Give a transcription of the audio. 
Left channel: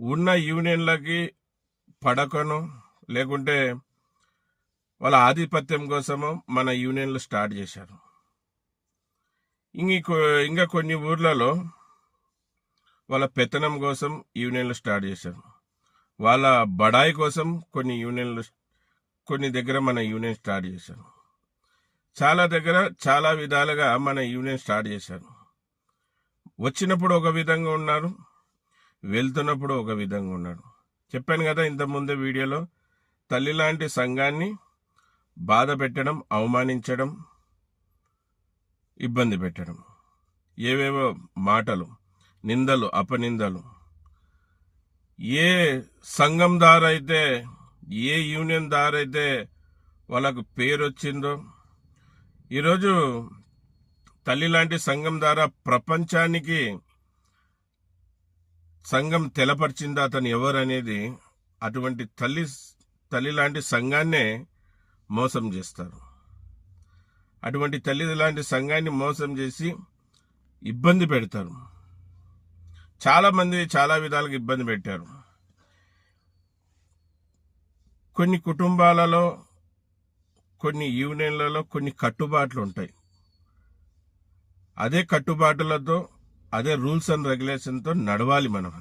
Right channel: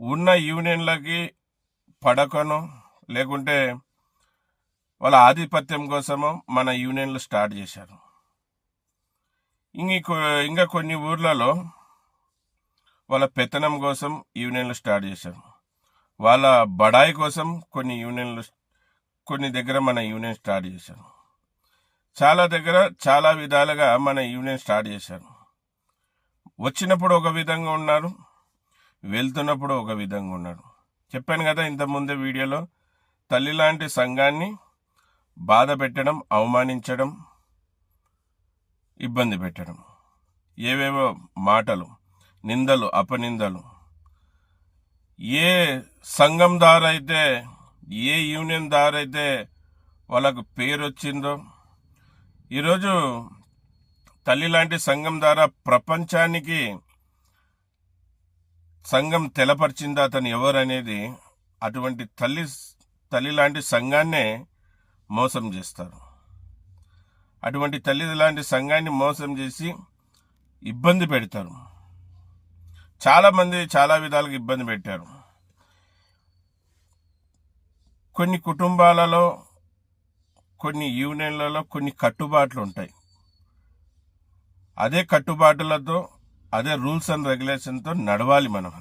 ఉన్న యూనియన్లకి పడకను లేకుంటే వాళ్ళ ఆధిపత్యం కోసము మన యూనియన్లు స్టార్ట్ చేశారు. ఇంకా కొన్ని ఊర్లలో వాళ్ళ పెత్తనం కోసం యూనియన్లు స్టార్ట్ చేశారు. వాళ్ళ బడాయి కోసం కొన్ని దగ్గర మన యూనియన్ స్టార్ట్ చేశారు. చాలా దగ్గర చాలా విధాలుగా మన యూనియన్ స్టార్ట్ చేశారు. వచ్చినప్పుడు ఒక విధంగా ఉన్నారు, వెళ్తున్నప్పుడు ఒక విధంగా ఉన్నాడు. చెప్పాను కదా ఇంతకుముందే వీడియోలో, తల్లి లాంటి సంఘాన్ని బాధ పెట్టడం, అవమానించడం, ఇబ్బంది పెట్టడం, ఏవేవో మాటలు, నిందలు, అపనిందలు. ఏ సంఘం దారైతే, ఏ యూనియన్ దారైతే వాళ్ళకు పేరు వచ్చిందో, ఈరోజు తల్లి లాంటి సంఘం ద్వారా ప్రపంచానికి సంఘం తెలపరిచింది అతను ఎవరనేది. అటువంటి తల్లి లాంటి సంఘాన్నే మోసం చేస్తారు. అటువంటి తల్లి లాంటి సంఘాన్ని మోసం చేసి ఇబ్బంది పెడతారు. చాలా మంది చాలా విధాలుగా ఇబ్బంది పెట్టారు. కొన్ని కుటుంబాలలో, కొన్ని యూనియన్లలో కొన్ని కట్టుబాట్లు ఉంటాయి. అదే కట్టుబాట్లతో, అదే రూల్స్ అండ్ రెగ్యులేషన్తో నడవాలి మనం.